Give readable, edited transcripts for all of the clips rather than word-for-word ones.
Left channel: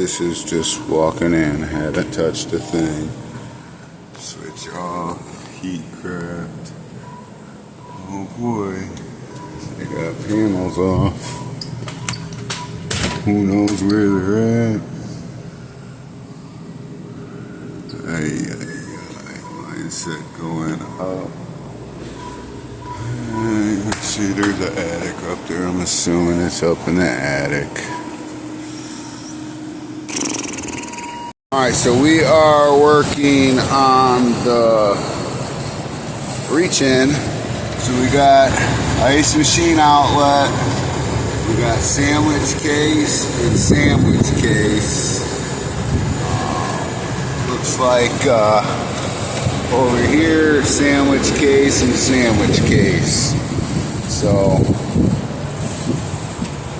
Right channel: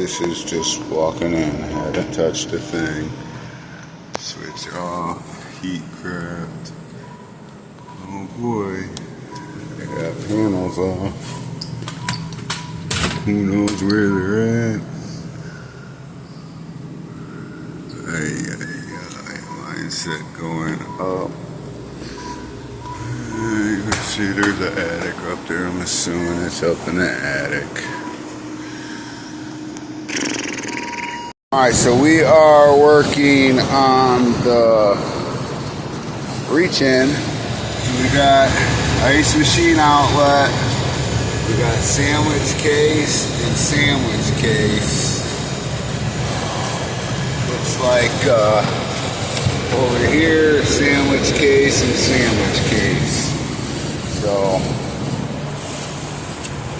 This is just walking in. Haven't touched a thing. Switch off. Heat craft. Oh boy. They got panels off. Who knows where they're at? Mindset going up. You can see there's an attic up there. I'm assuming it's up in the attic. Alright, so we are working on the reach-in. So we got ice machine outlet, we got sandwich case and sandwich case. Looks like over here, sandwich case and sandwich case. So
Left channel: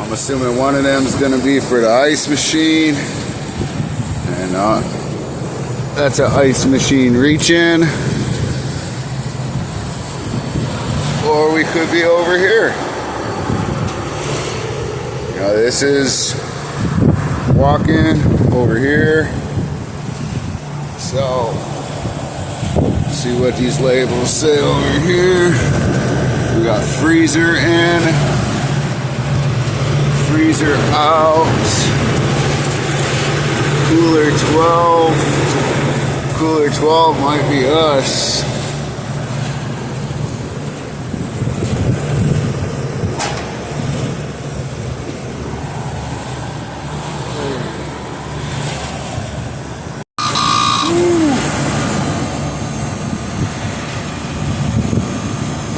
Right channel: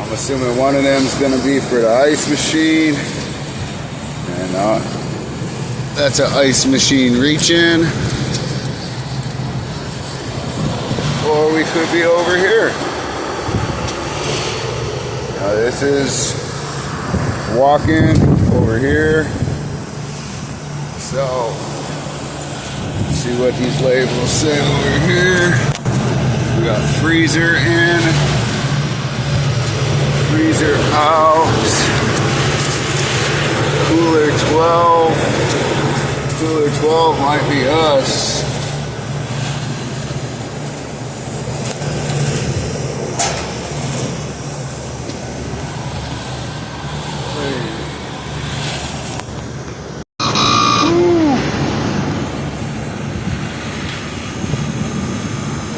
I'm assuming one of them is going to be for the ice machine. And that's an ice machine reach-in. Or we could be over here. Now this is walk-in over here. So, let's see what these labels say over here. We got freezer in, freezer out. Cooler 12. Cooler 12 might be us.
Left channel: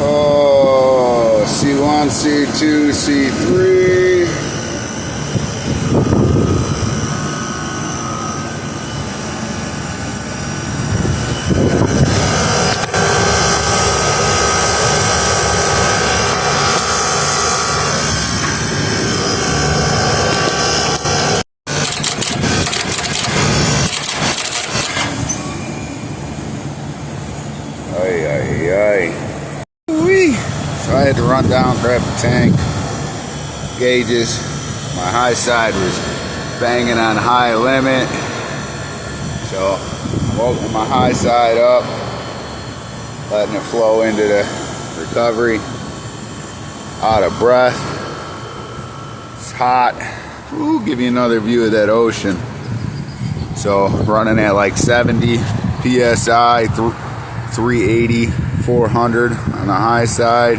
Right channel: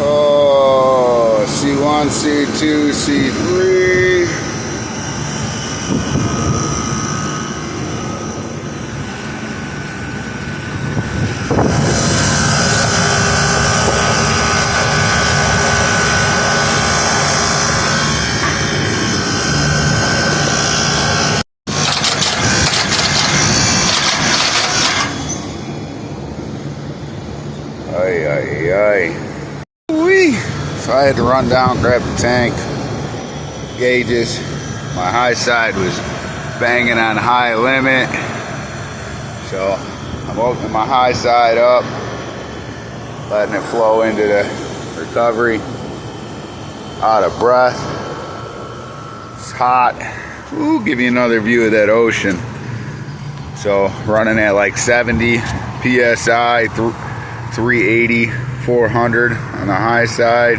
Oh, C1, C2, C3. So I had to run down, grab the tank gauges. My high side was banging on high limit. So I'm opening my high side up, letting it flow into the recovery. Out of breath. It's hot. Ooh, give you another view of that ocean. So running at like 70 PSI, 380, 400 on the high side.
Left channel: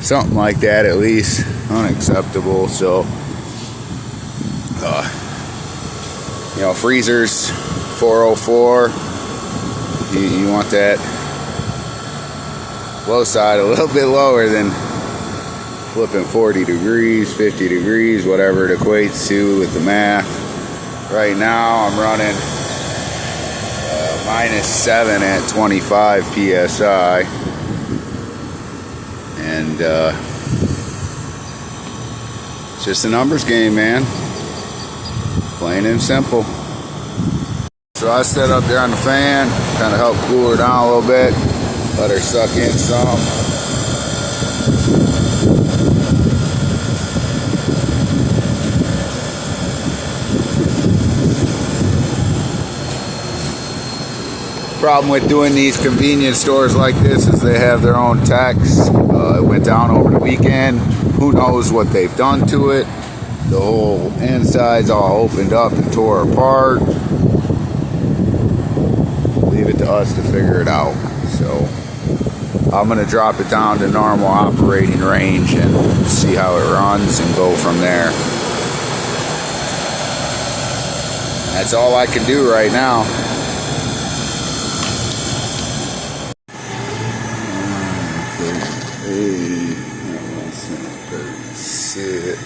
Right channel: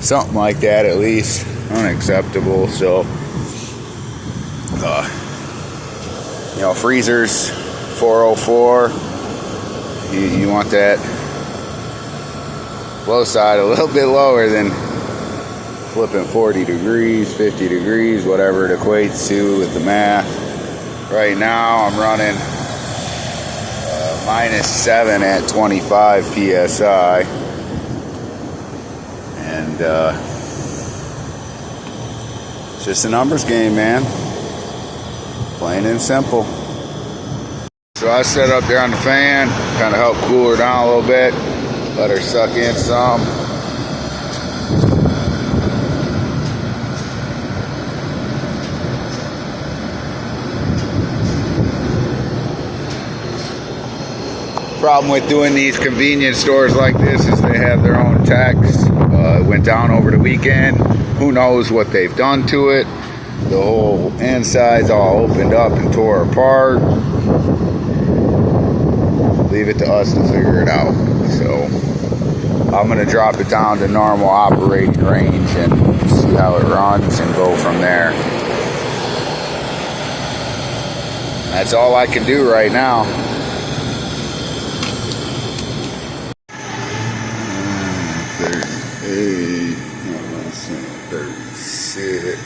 Something like that at least. Unacceptable. So, you know, freezers 404. You want that low side a little bit lower than flipping 40 degrees, 50 degrees, whatever it equates to with the math. Right now I'm running -7 at 25 PSI. And it's just a numbers game, man. Plain and simple. So I set up there on the fan, kind of help cool her down a little bit, let her suck in some. Problem with doing these convenience stores like this is they have their own techs. It went down over the weekend. Who knows what they've done to it. The whole inside's all opened up and tore apart. Leave it to us to figure it out. So I'm going to drop it down to normal operating range and see how it runs and go from there. That's all I can do right now. 36.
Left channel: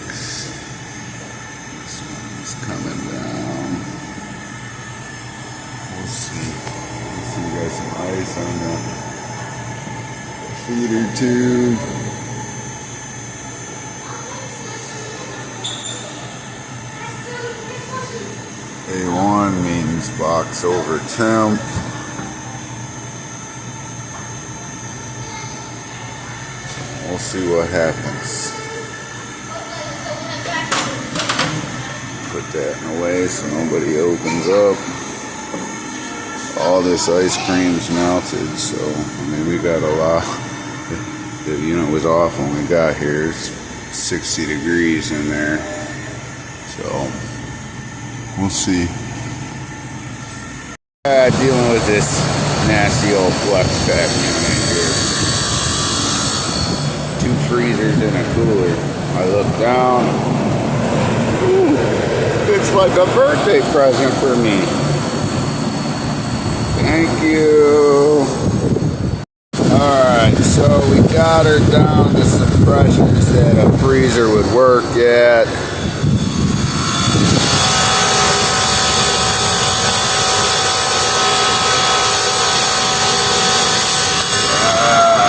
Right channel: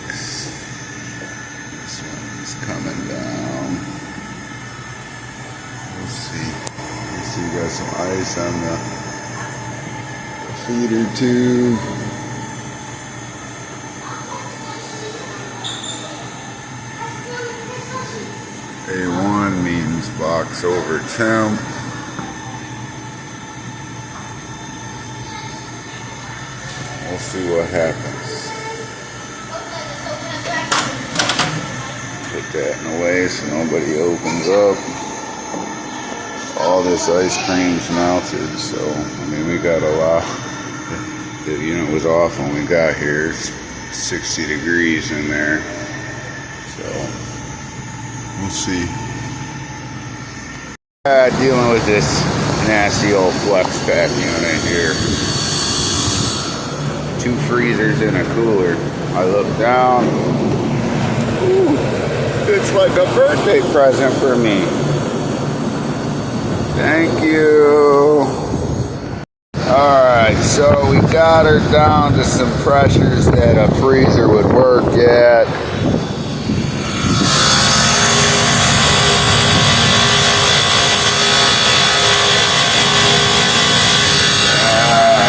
This one's coming down. We'll see. You got some ice on the feeder tube. A1 means box over temp. We'll see what happens. Put that in the way so nobody opens up. All this ice cream's melted, so I mean we got a lot. The unit was off when we got here. It's 60 degrees in there, so we'll see. Dealing with this nasty old flex pack unit here. 2 freezers and a cooler. I look down. Ooh, it's like a birthday present for me. Thank you. Alright, so we got her down to some pressures that a freezer would work at.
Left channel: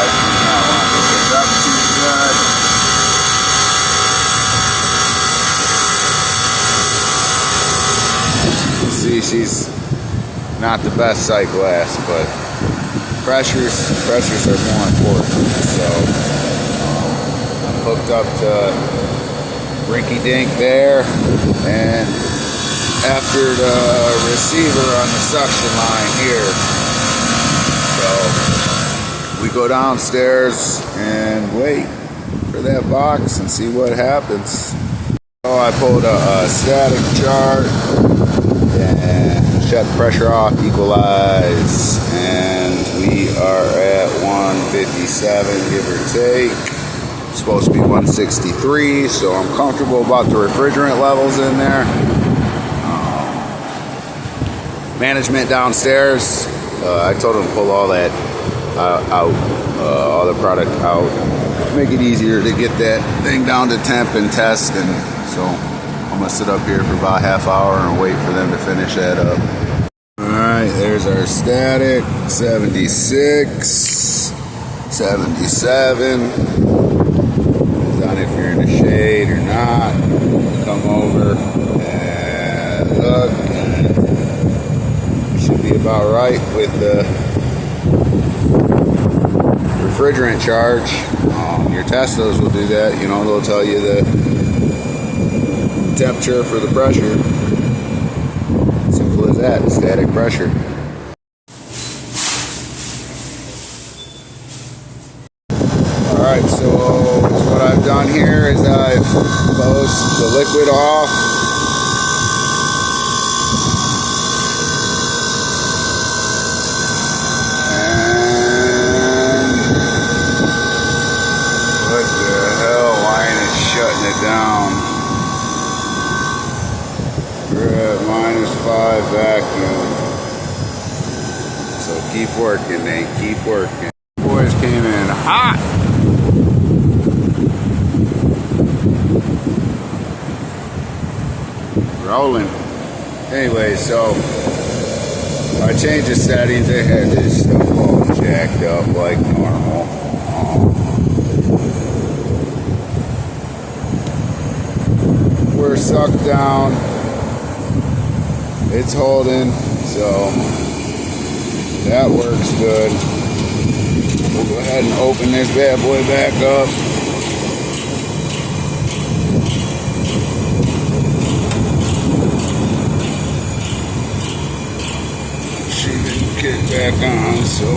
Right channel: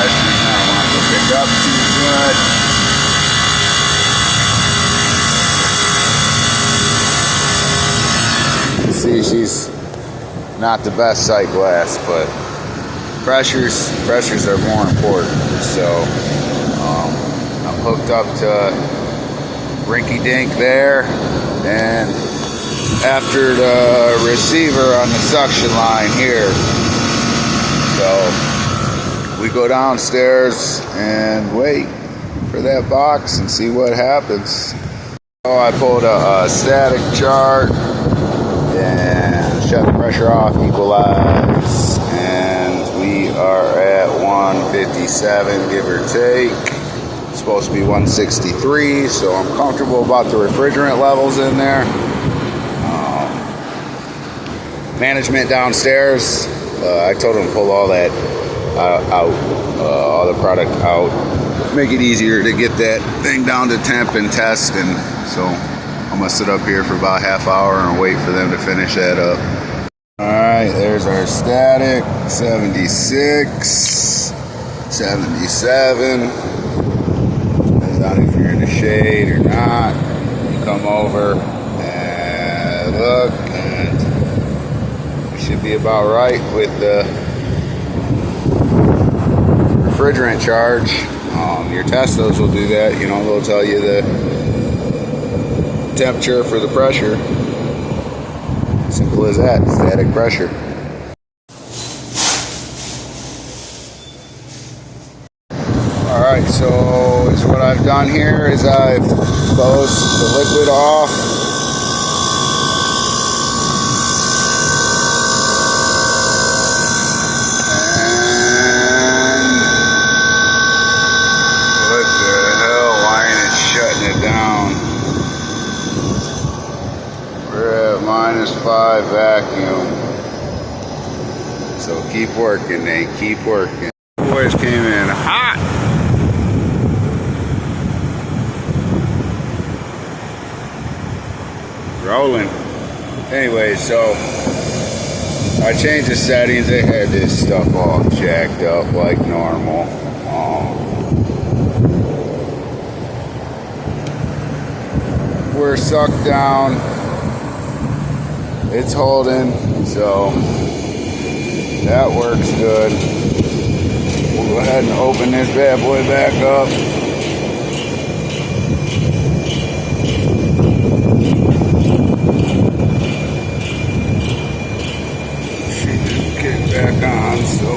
She's not wanting to pick up too good. See, she's not the best sight glass, but pressures are more important. So I'm hooked up to rinky dink there, and after the receiver on the suction line here. So we go downstairs and wait for that box and see what happens. So I pulled a static chart and shut the pressure off, equalize, and we are at 157, give or take. It's supposed to be 163, so I'm comfortable about the refrigerant levels in there. Management downstairs, I told them to pull all that out, all the product out, make it easier to get that thing down to temp and test, and so I'm gonna sit up here for about half hour and wait for them to finish that up. Alright, there's our static, 76, 77. Depends on if you're in the shade or not. You come over and look, and you should be about right with the refrigerant charge. Your Teslas will do that, you know, they'll tell you the temperature for the pressure. Simple as that, static pressure. Alright, so what I've done here is I've closed the liquid off. And what the hell, why ain't it shutting it down? We're at -5 vacuum. So keep working, Nate. Keep working. Boys came in hot. Rolling. Anyway, so I changed the settings. They had this stuff all jacked up like normal. We're sucked down. It's holding, so that works good. We'll go ahead and open this bad boy back up. She didn't get back on, so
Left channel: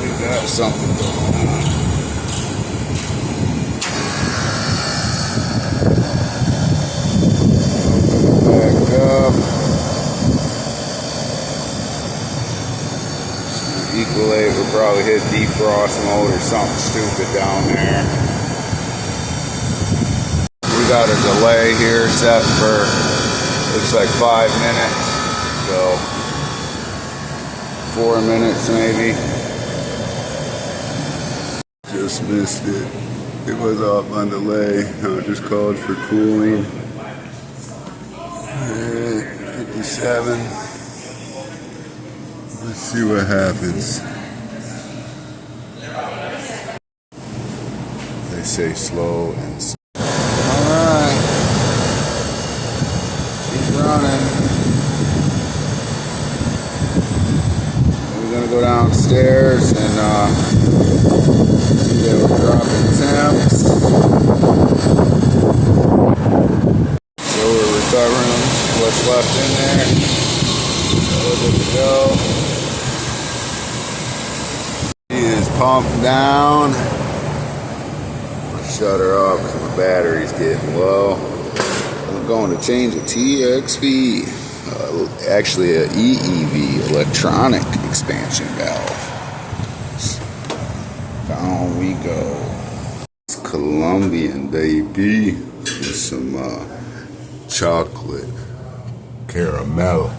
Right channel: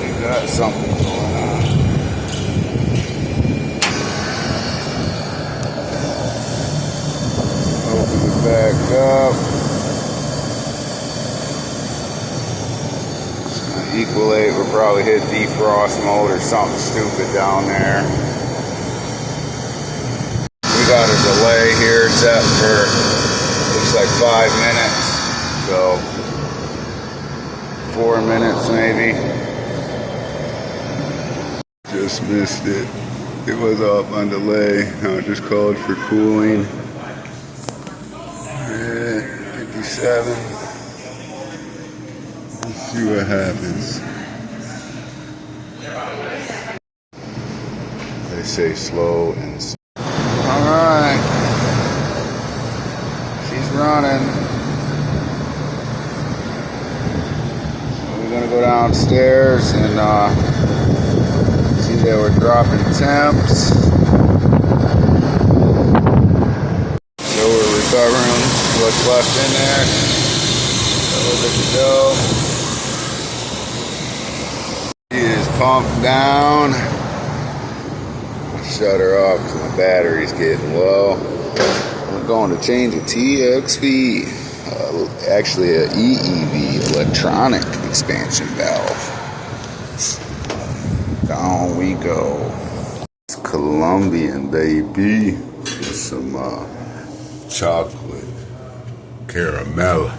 we got something going on. Back up. Equalate, we'll probably hit defrost mode or something stupid down there. We got a delay here set for, looks like 5 minutes. So 4 minutes maybe. Just missed it. It was off on delay. Now it just called for cooling. 57. Let's see what happens. They say slow and slow. Alright. She's running. We're gonna go downstairs and see that we're dropping temps. what's left in there. All good to go. She is pumped down. Shut her off because my battery's getting low. I'm going to change a TXV, actually an EEV, electronic expansion valve. Down we go. It's Colombian, baby. With some chocolate caramel.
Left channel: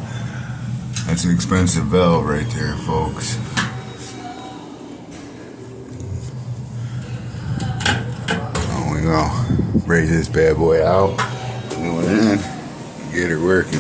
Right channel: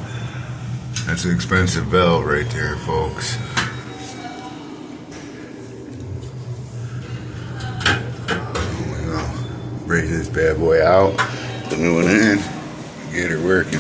That's an expensive valve right there, folks. There we go. Break this bad boy out, the new one in, get it working.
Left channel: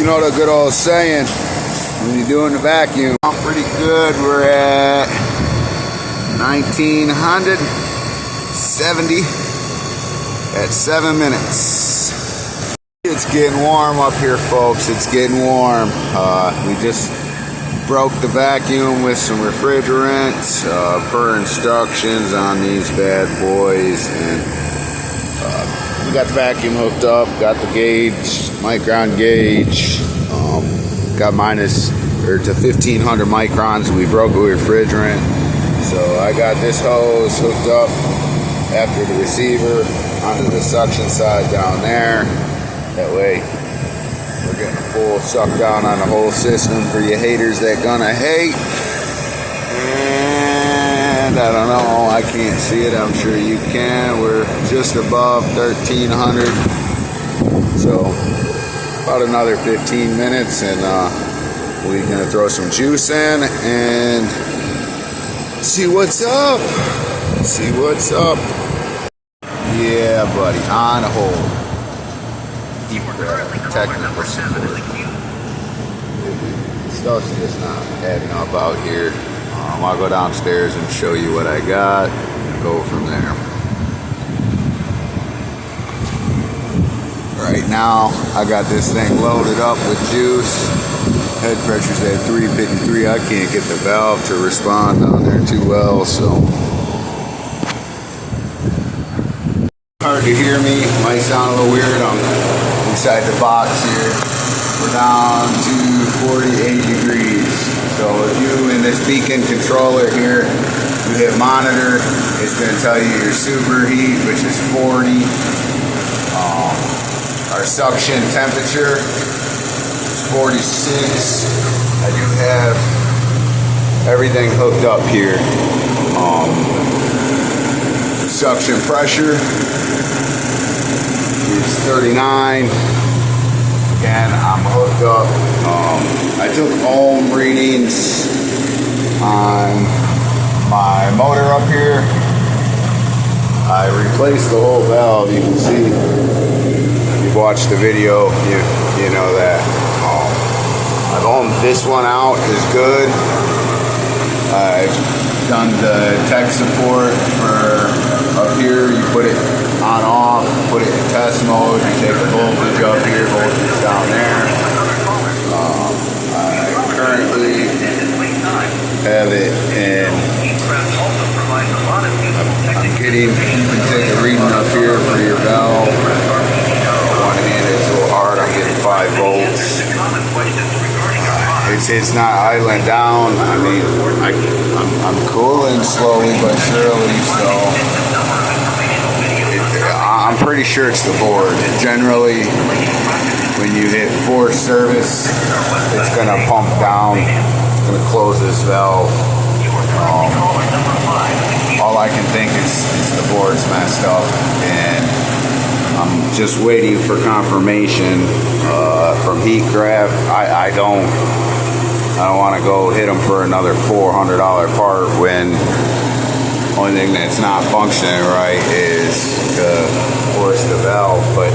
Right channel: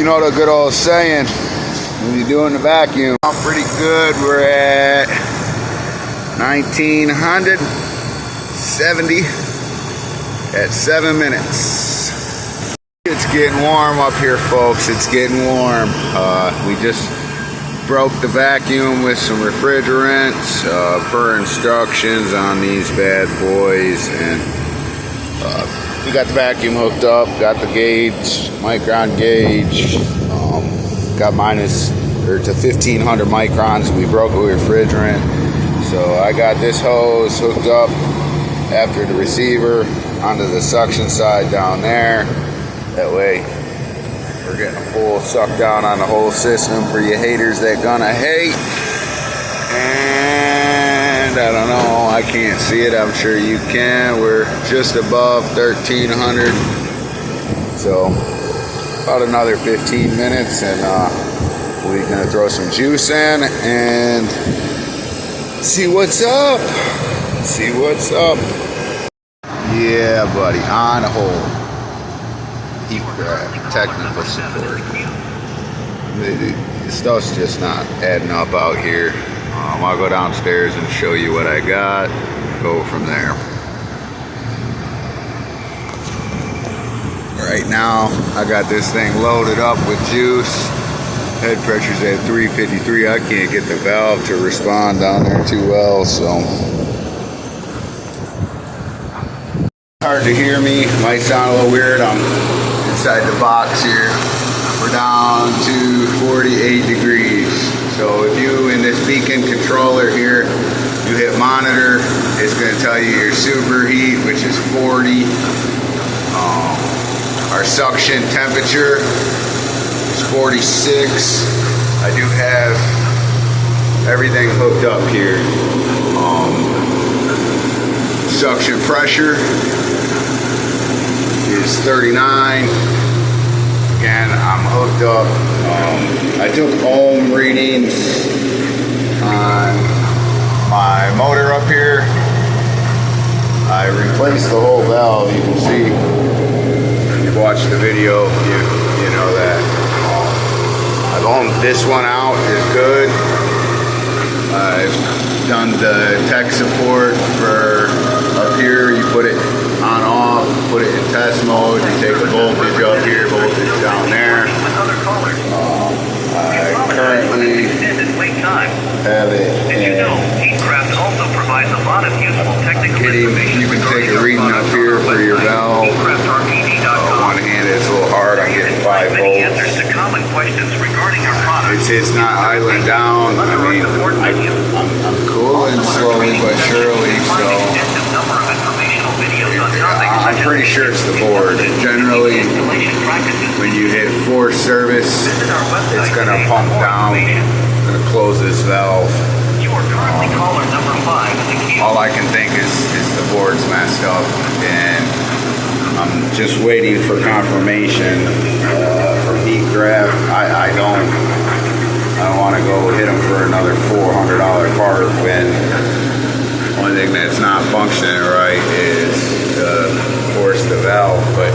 You know the good old saying, when you're doing the vacuum. Pretty good. We're at 1970 at 7 minutes. It's getting warm up here, folks. It's getting warm. We just broke the vacuum with some refrigerant per instructions on these bad boys, and we got the vacuum hooked up, got the gauge, micron gauge, got to 1500 microns. We broke it with refrigerant, so I got this hose hooked up after the receiver onto the suction side down there. That way we're getting a full suck down on the whole system for you haters that gonna hate. And I don't know, I can't see it, I'm sure you can. We're just above 1300, so about another 15 minutes, and we're gonna throw some juice in and see what's up. See what's up. Yeah, buddy, on hold. Keep technical support. The stuff's just not adding up out here. I'll go downstairs and show you what I got and go from there. Right now, I got this thing loaded up with juice. Head pressure's at 353. I can't get the valve to respond down there too well, so hard to hear me. Might sound a little weird. I'm inside the box here. We're down to 48 degrees. So if you, in this beacon controller here, you hit monitor, it's going to tell you your superheat, which is 40. Our suction temperature is 46. I do have everything hooked up here. Suction pressure is 39. Again, I'm hooked up. I took ohm readings on my motor up here. I replaced the whole valve. You can see, if you've watched the video, you know that. I've ohmed this one out, is good. I've done the tech support for up here. You put it on off, put it in test mode, you take a voltage up here, voltage down there. I currently have it in, you can take a reading up here for your valve. One hand is a little hard, I'm getting 5 volts. It's not idling down. I mean, I'm cooling slowly but surely, so I'm pretty sure it's the board. Generally, when you hit forced service, it's going to pump down. It's going to close this valve. All I can think is the board's messed up, and I'm just waiting for confirmation from heat graph. I don't want to go hit them for another $400 part when the only thing that's not functioning right is force the valve. But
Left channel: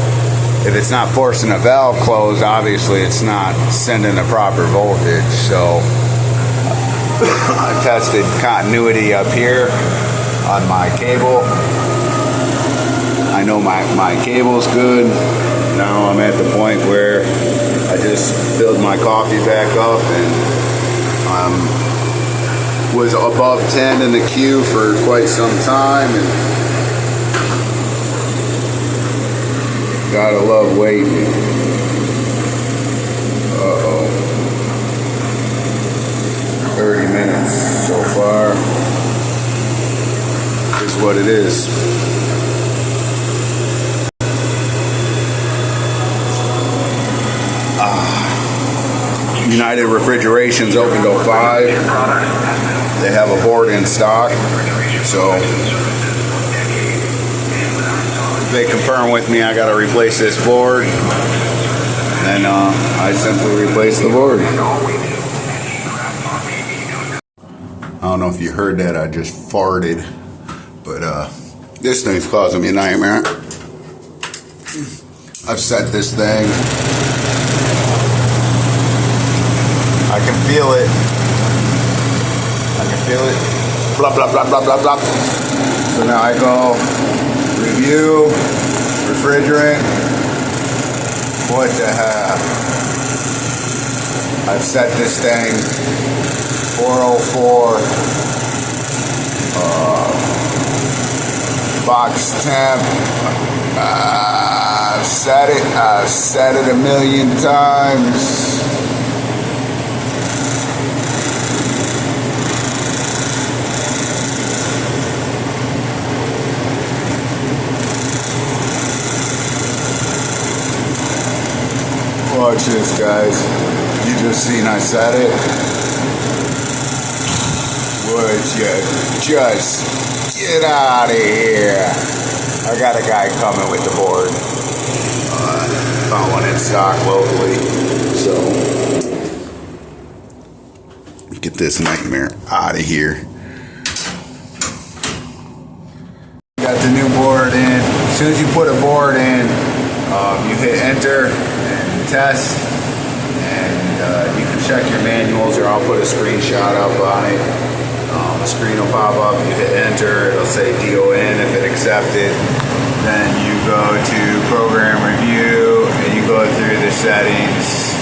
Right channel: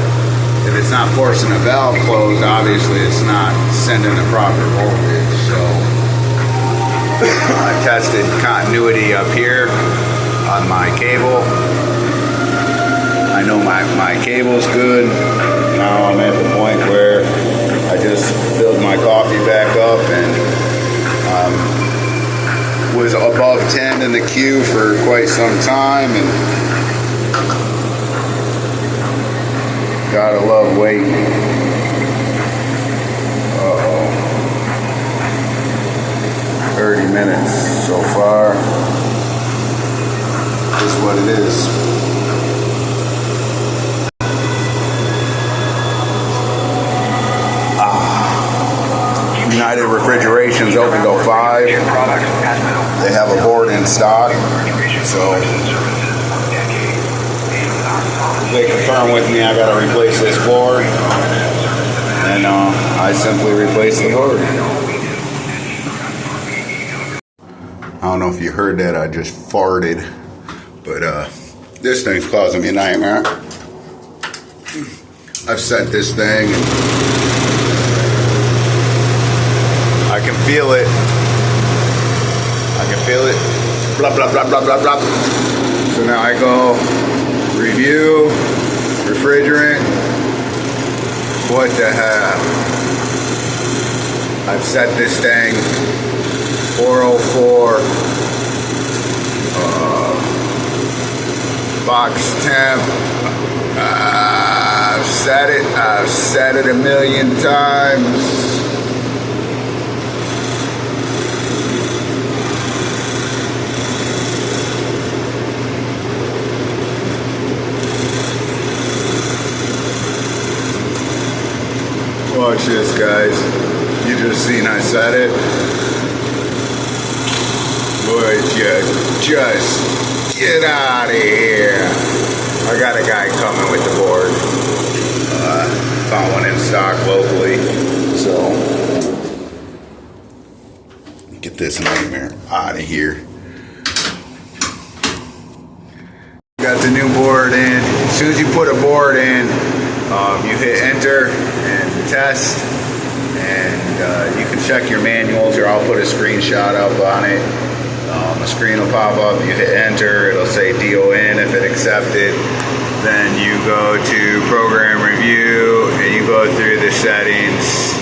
if it's not forcing the valve closed, obviously it's not sending the proper voltage. So I tested continuity up here on my cable. I know my cable's good. Now I'm at the point where I just filled my coffee back up and was above 10 in the queue for quite some time, and gotta love waiting. 30 minutes so far. This is what it is. United Refrigeration's open till 5. They have a board in stock, so if they confirm with me I gotta replace this board, and I simply replace the board. I don't know if you heard that, I just farted, but this thing's causing me a nightmare. I've set this thing can feel it. I can feel it. Blah, blah, blah, blah, blah, blah. So now I go review, refrigerant. What the heck? I've set this thing 404 box temp. I've said it a million times. Watch this, guys. You just seen I said it. Would you just get out of here? I got a guy coming with the board. Found one in stock locally. So, get this nightmare out of here. Got the new board in. As soon as you put a board in, you hit enter and test, and you can check your manuals, or I'll put a screenshot up on it. A screen will pop up, you hit enter, it'll say DON if it accepted. Then you go to program review and you go through the settings.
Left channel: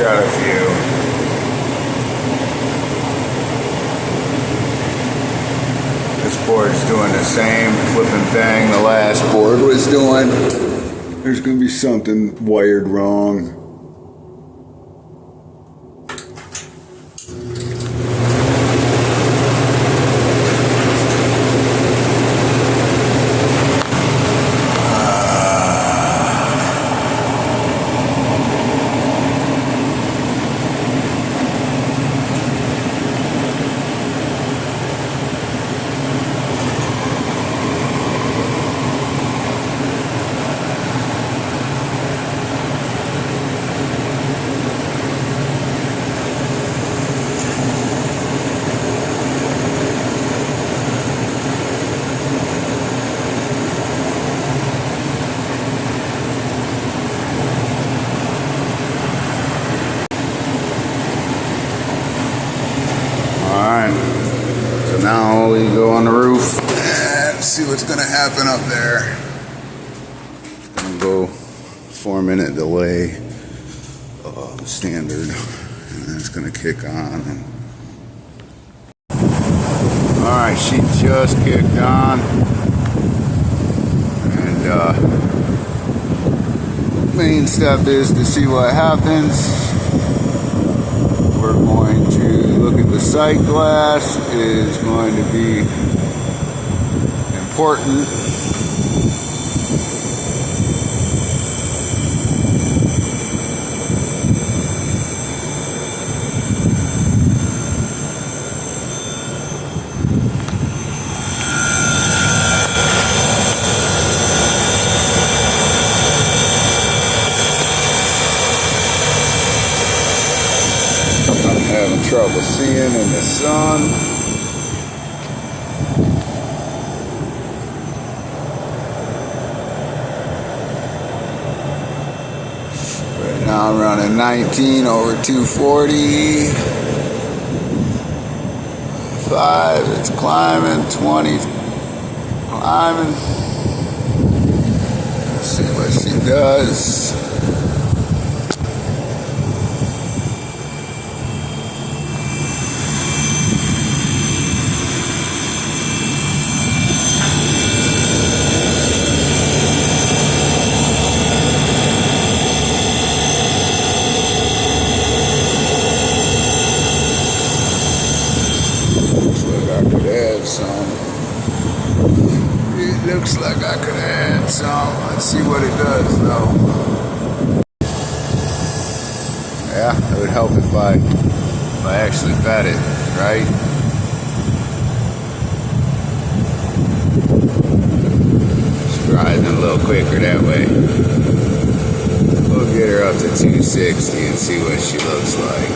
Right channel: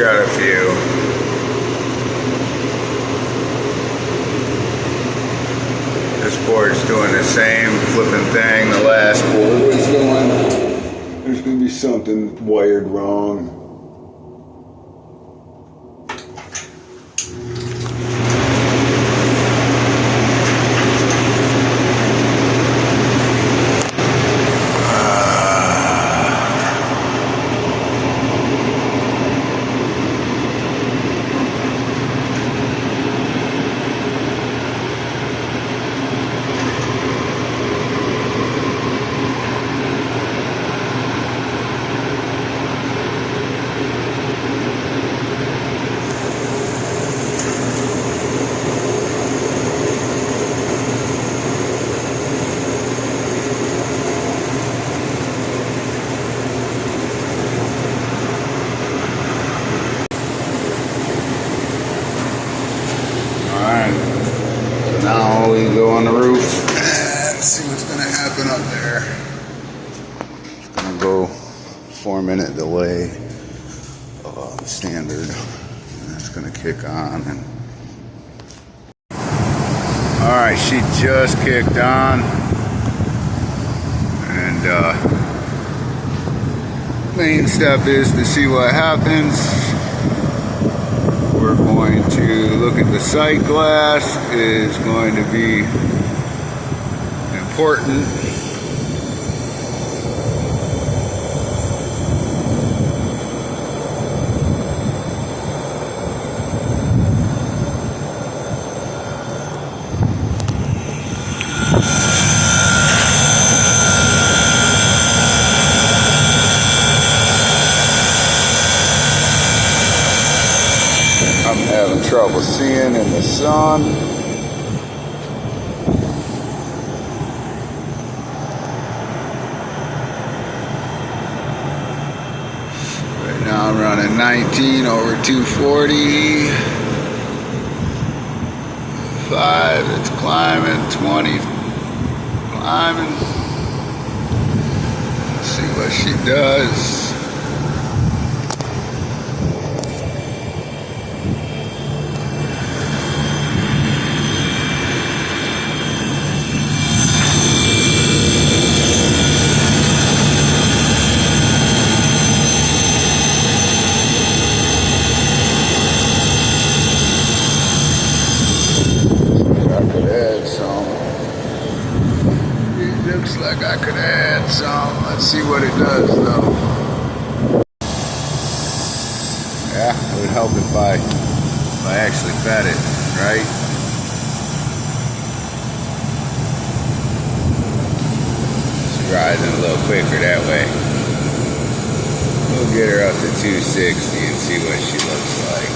Got a few. This board's doing the same flipping thing the last board was doing. There's gonna be something wired wrong. Now we go on the roof and see what's going to happen up there. It's going to go 4-minute delay, standard, and it's going to kick on. And all right, she just kicked on, and main step is to see what happens. We're going to look at the sight glass. It is going to be important. Having trouble seeing in the sun. Right now I'm running 19 over 240. 5, it's climbing. 20, climbing. Let's see what she does. Looks like I could add some. Let's see what it does though. Yeah, it would help if I actually fed it, right? Let's try rising a little quicker that way. We'll get her up to 260 and see what she looks like.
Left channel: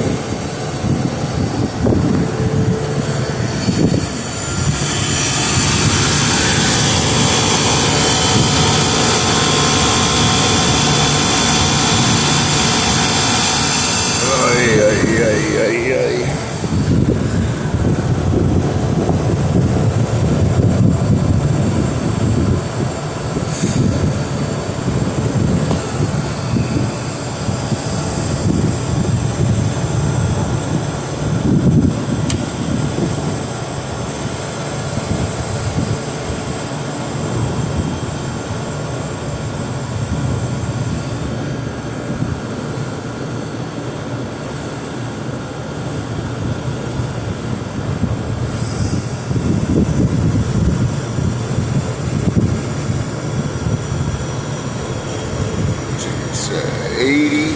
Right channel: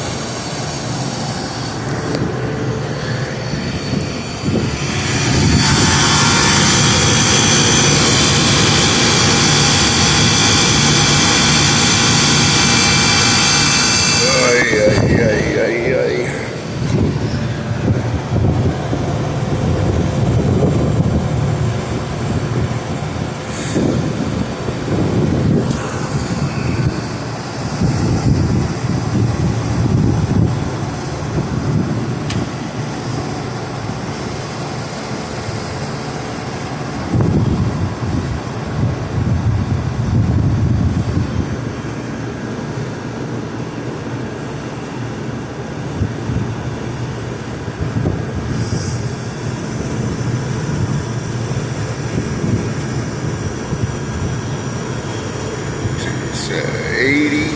So 80,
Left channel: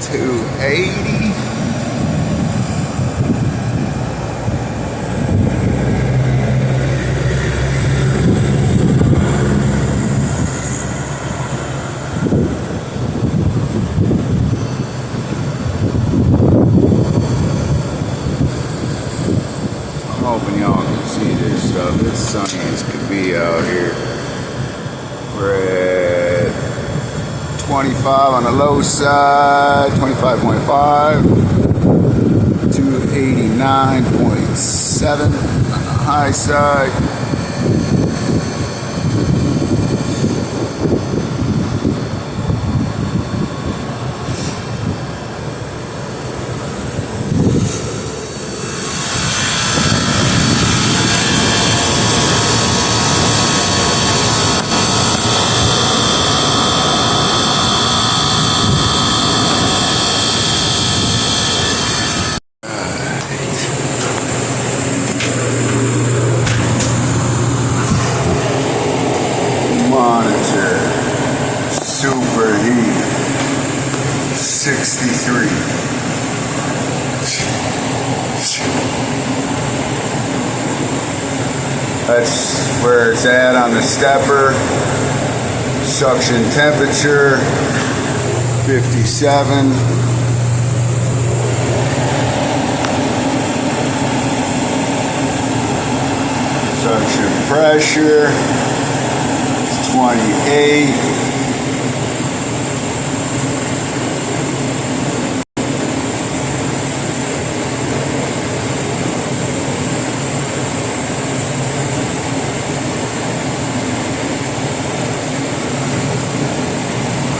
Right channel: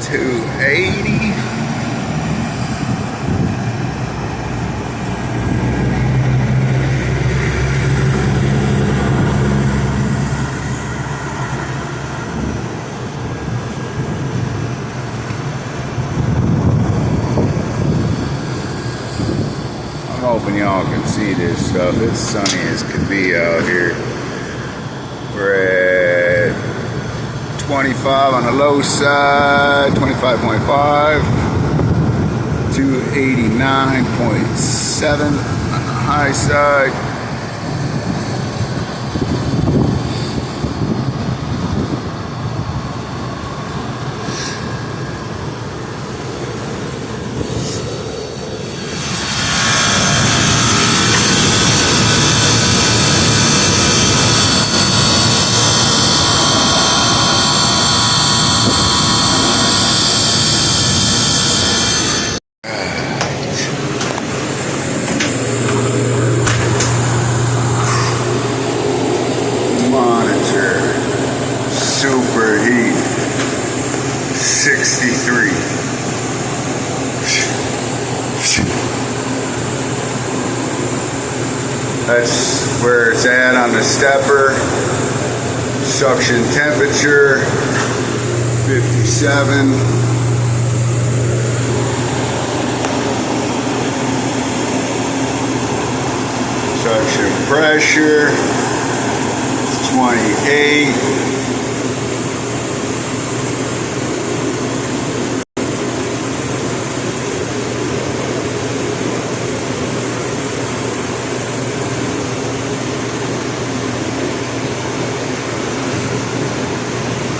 280. I'm hoping y'all can see this stuff. It's sunny as could be out here. We're at 25 on the low side, 25.5, 289.7 on the high side. Monitor, superheat, 63. That's where it's at on the stepper. Suction temperature, 57. Suction pressure, 28.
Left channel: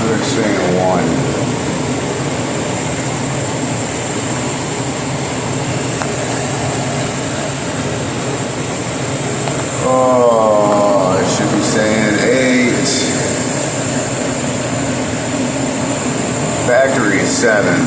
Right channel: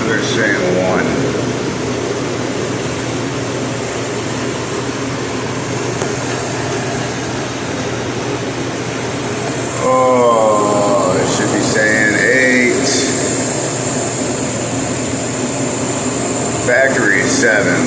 They're saying 1. Oh, it should be saying 8. Factory 7.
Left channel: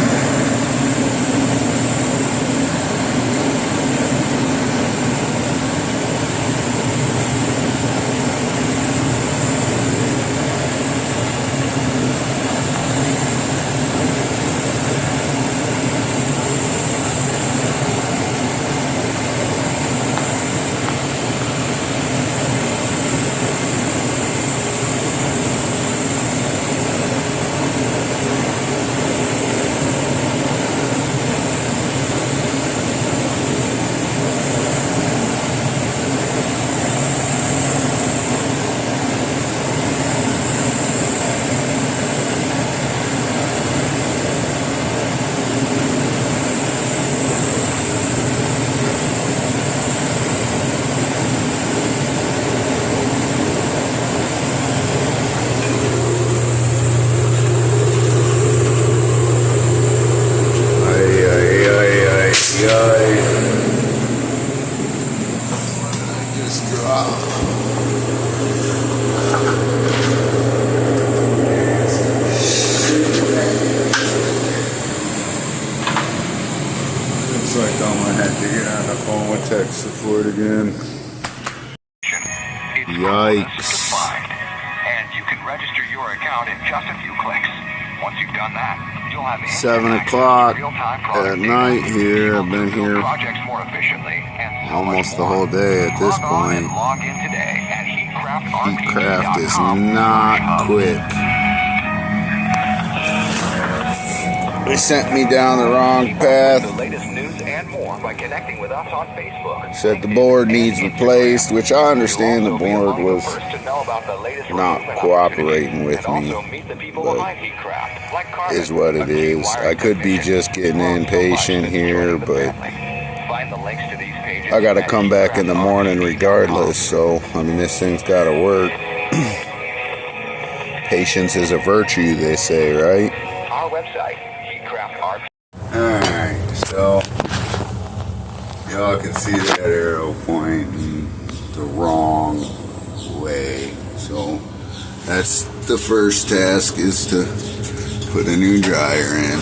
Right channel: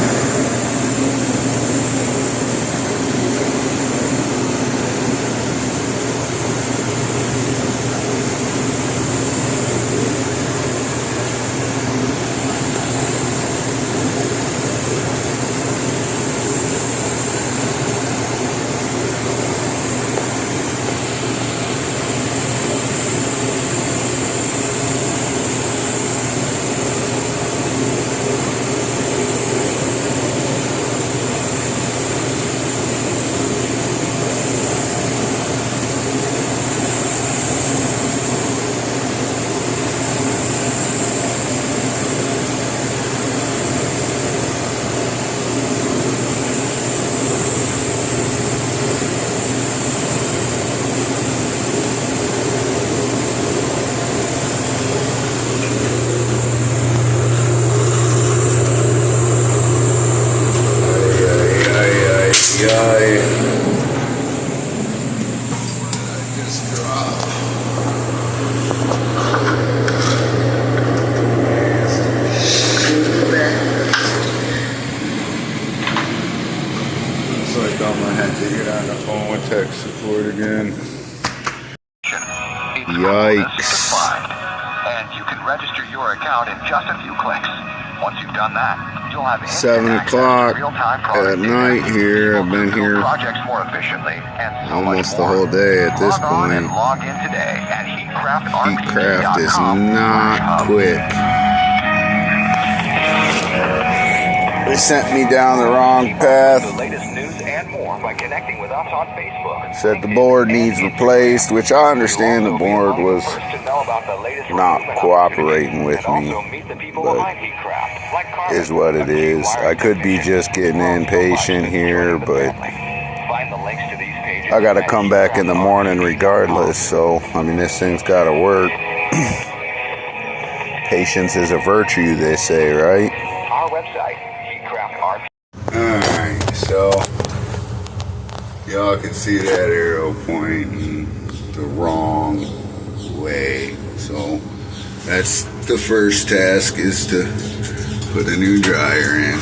Looks like I'm gonna have to get on the phone with tech support again. Yikes. And you can register your account in just a few clicks. Once you've done that, you'll have 7 o'clock at night here. I've been here almost the whole day at this point. Heatcraft is not quick. They sent me down the wrong path. Said the board needs replaced, which I understand the board was not cooperating with me, but is what it is. I could be just getting impatient here, but I gotta come back in the morning regardless, so I mean this thing's gotta work. Patience is a virtue, they say, right? Our website, Alright, so y'all can see that arrow pointing the wrong way. So that's the first task, is to put a new dryer in.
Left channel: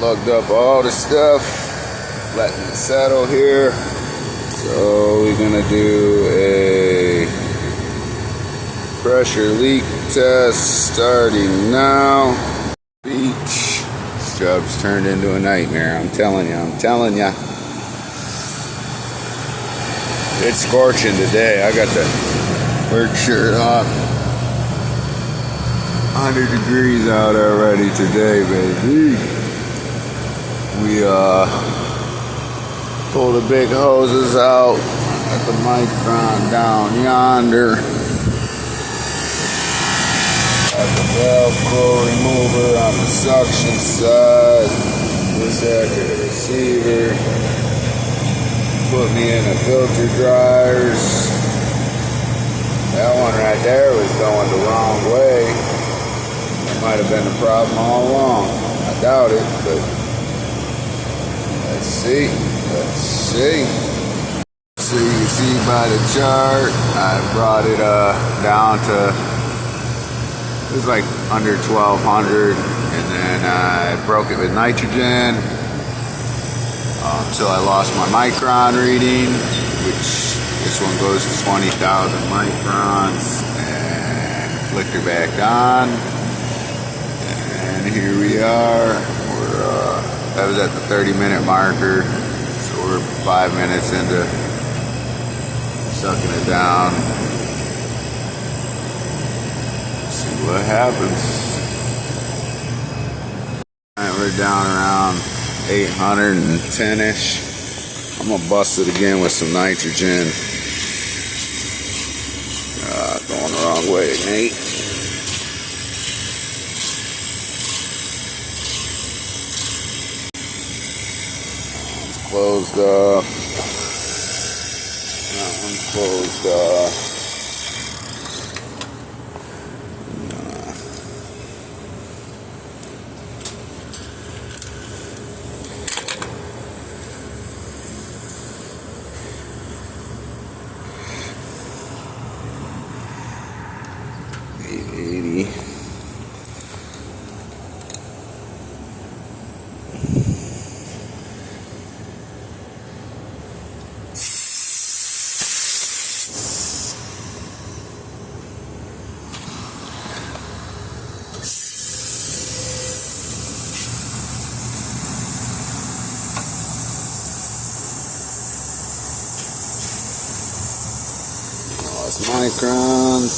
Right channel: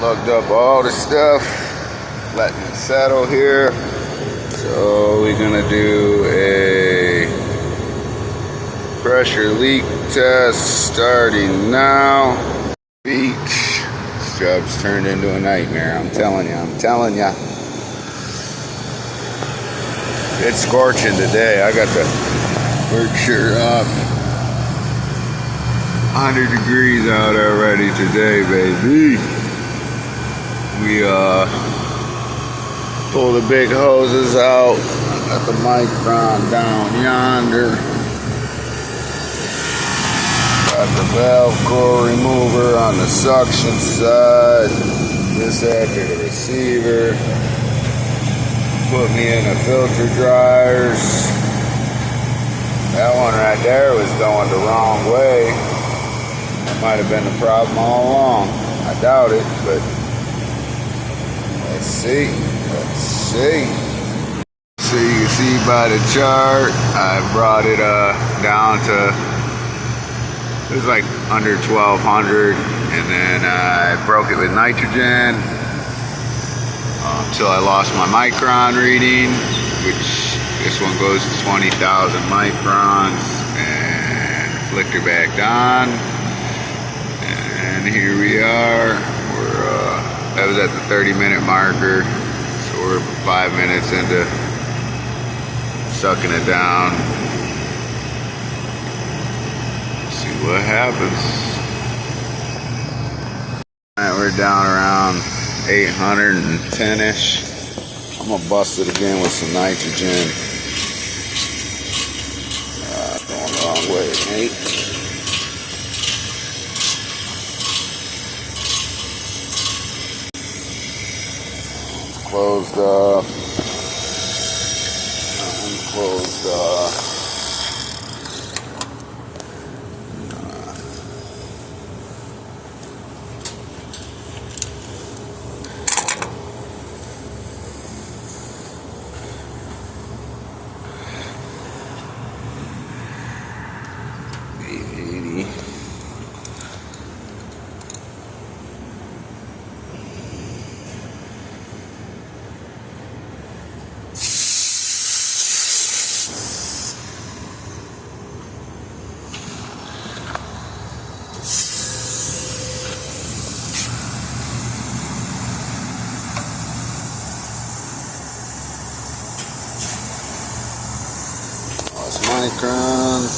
Lugged up all the stuff, letting it settle here. So we're gonna do a pressure leak test starting now. This job's turned into a nightmare, I'm telling you. It's scorching today. I got the work shirt off. 100 degrees out already today, baby. We pull the big hoses out. Got the micron down yonder. Got the valve core remover on the suction side. This after the receiver. Put me in the filter dryers. That one right there was going the wrong way. That might have been the problem all along. I doubt it, but let's see. So you can see by the chart, I brought it down to, it was like under 1200, and then I broke it with nitrogen until I lost my micron reading, which this one goes to 20,000 microns, and flicked her back on, and here we are. That was at the 30-minute marker, so we're 5 minutes into sucking it down. Let's see what happens. Alright, we're down around 810-ish. I'm gonna bust it again with some nitrogen. Going the wrong way, Nate. Closed off. Unclosed off. Microns.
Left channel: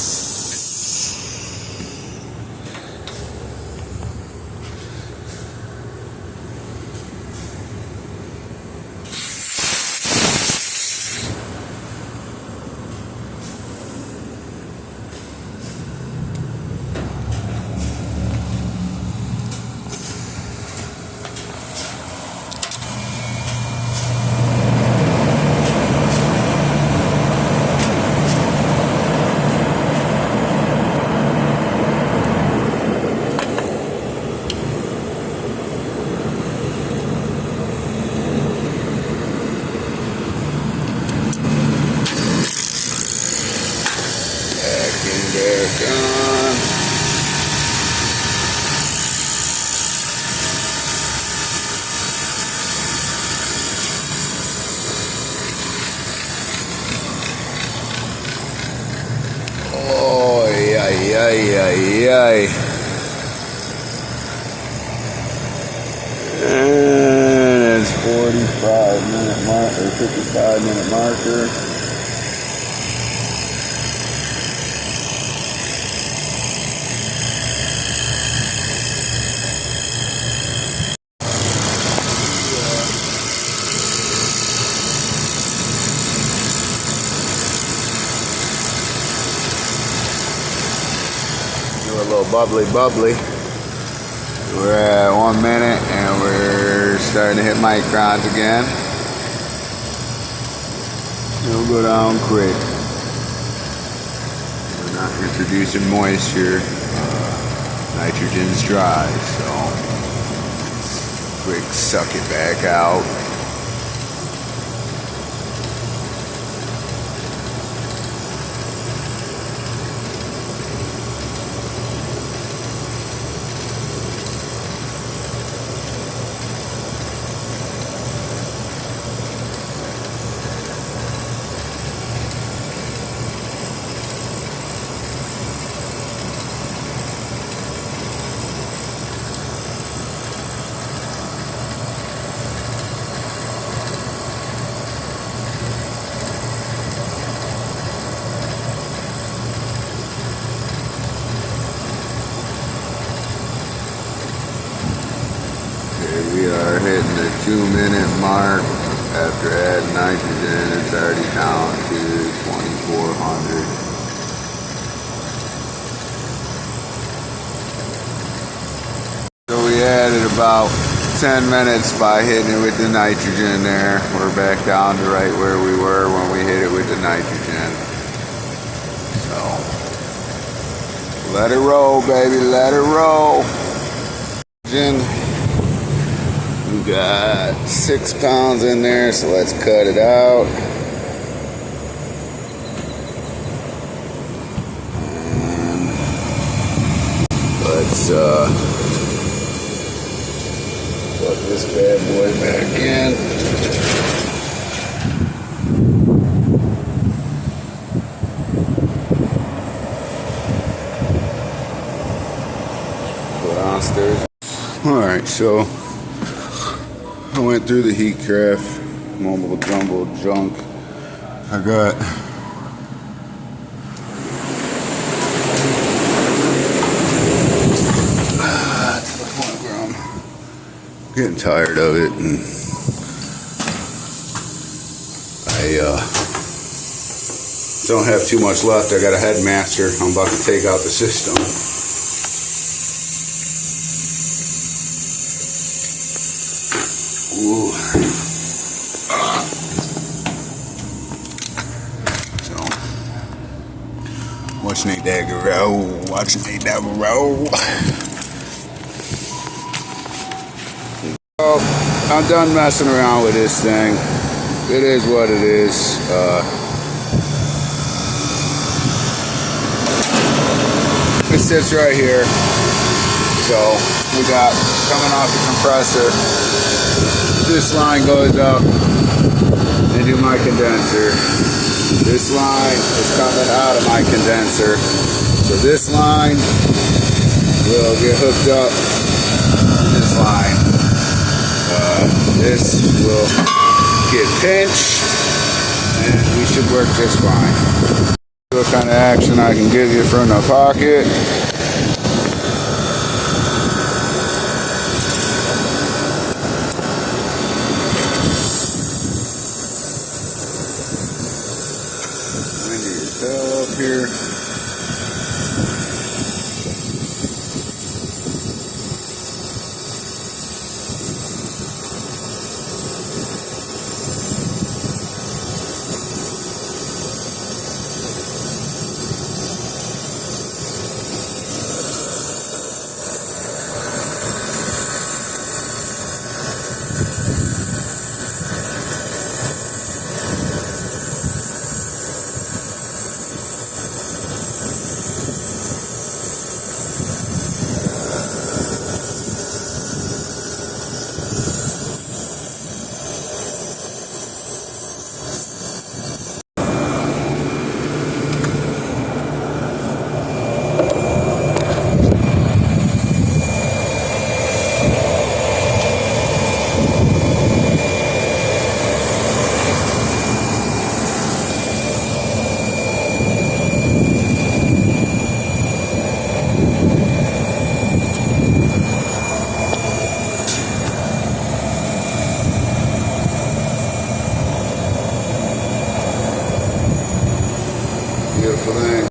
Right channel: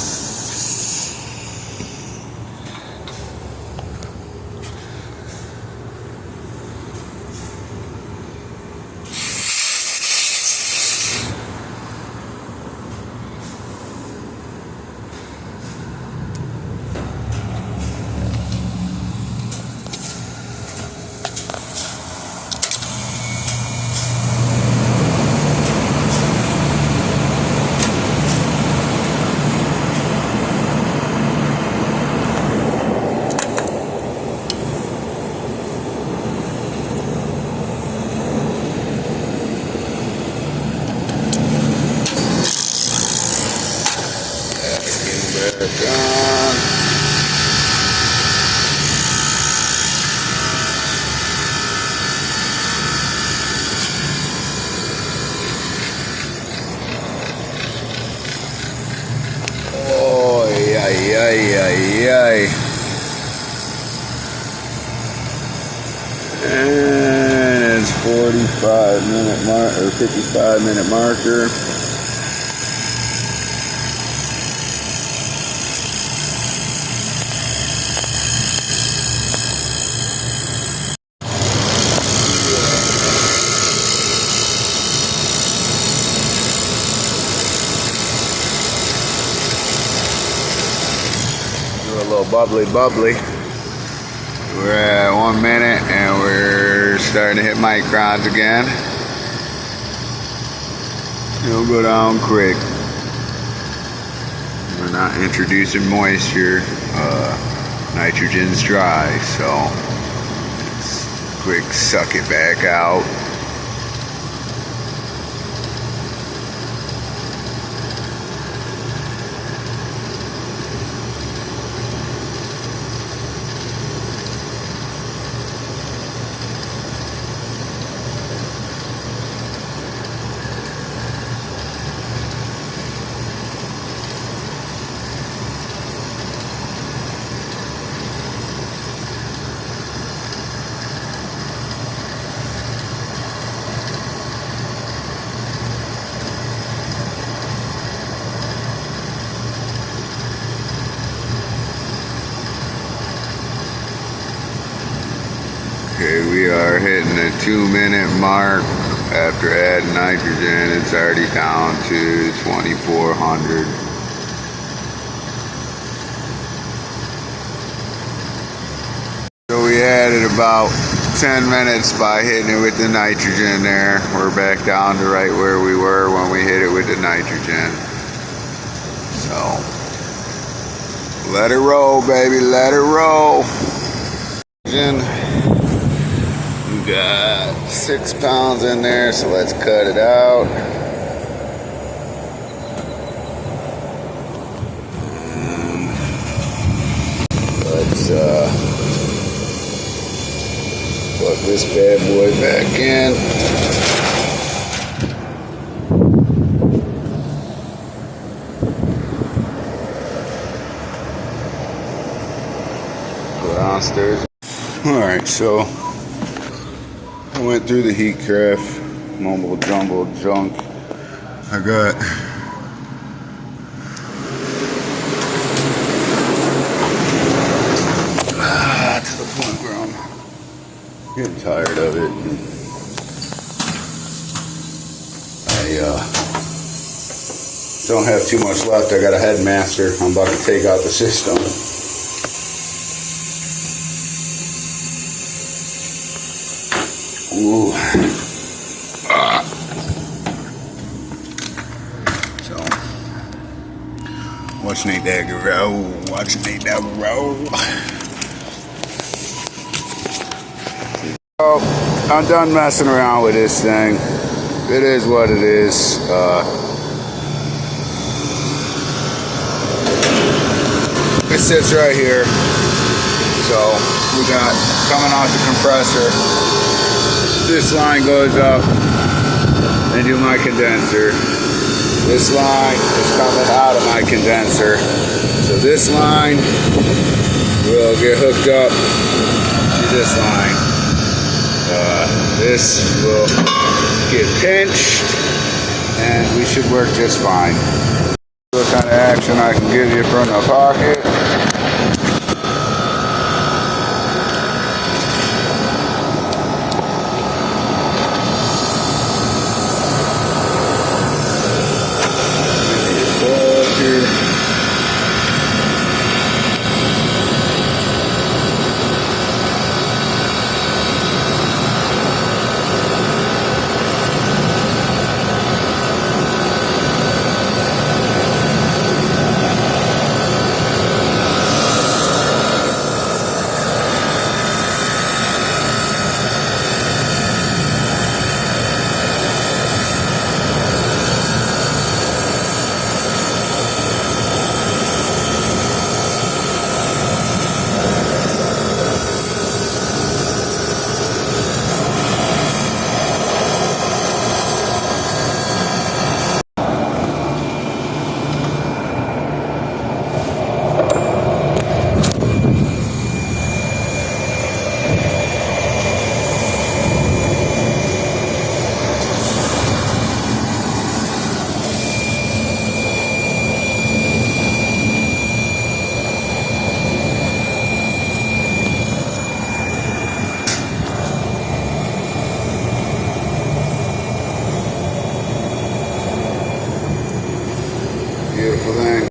Ay. And it's 45-minute mark or 55-minute marker. Do a little bubbly. We're at 1 minute and we're starting to hit microns again. It'll go down quick. We're not introducing moisture. Nitrogen's dry, so quick suck it back out. Okay, we are hitting the 2-minute mark. After adding nitrogen, it's already down to 2,400. So we added about 10 minutes by hitting it with the nitrogen there. We're back down to right where we were when we hit it with the nitrogen. So, let it roll, baby, let it roll. We got 6 pounds in there, so let's cut it out. Let's plug this bad boy back in. Go downstairs. Alright, so I went through the heat craft, mumble jumble junk. I got to the point where I'm getting tired of it, and I don't have too much left. I got a headmaster. I'm about to take out the system. Ooh. So, watch Nate Dagger roll. Watch Nate Dagger roll. So, I'm done messing around with this thing. It is what it is. It sits right here. So, we got coming off the compressor. This line goes up into my condenser. This line is coming out of my condenser. So this line will get hooked up to this line. This will get pinched and we should work just fine. What kind of action I can give you from the pocket. beautiful thing.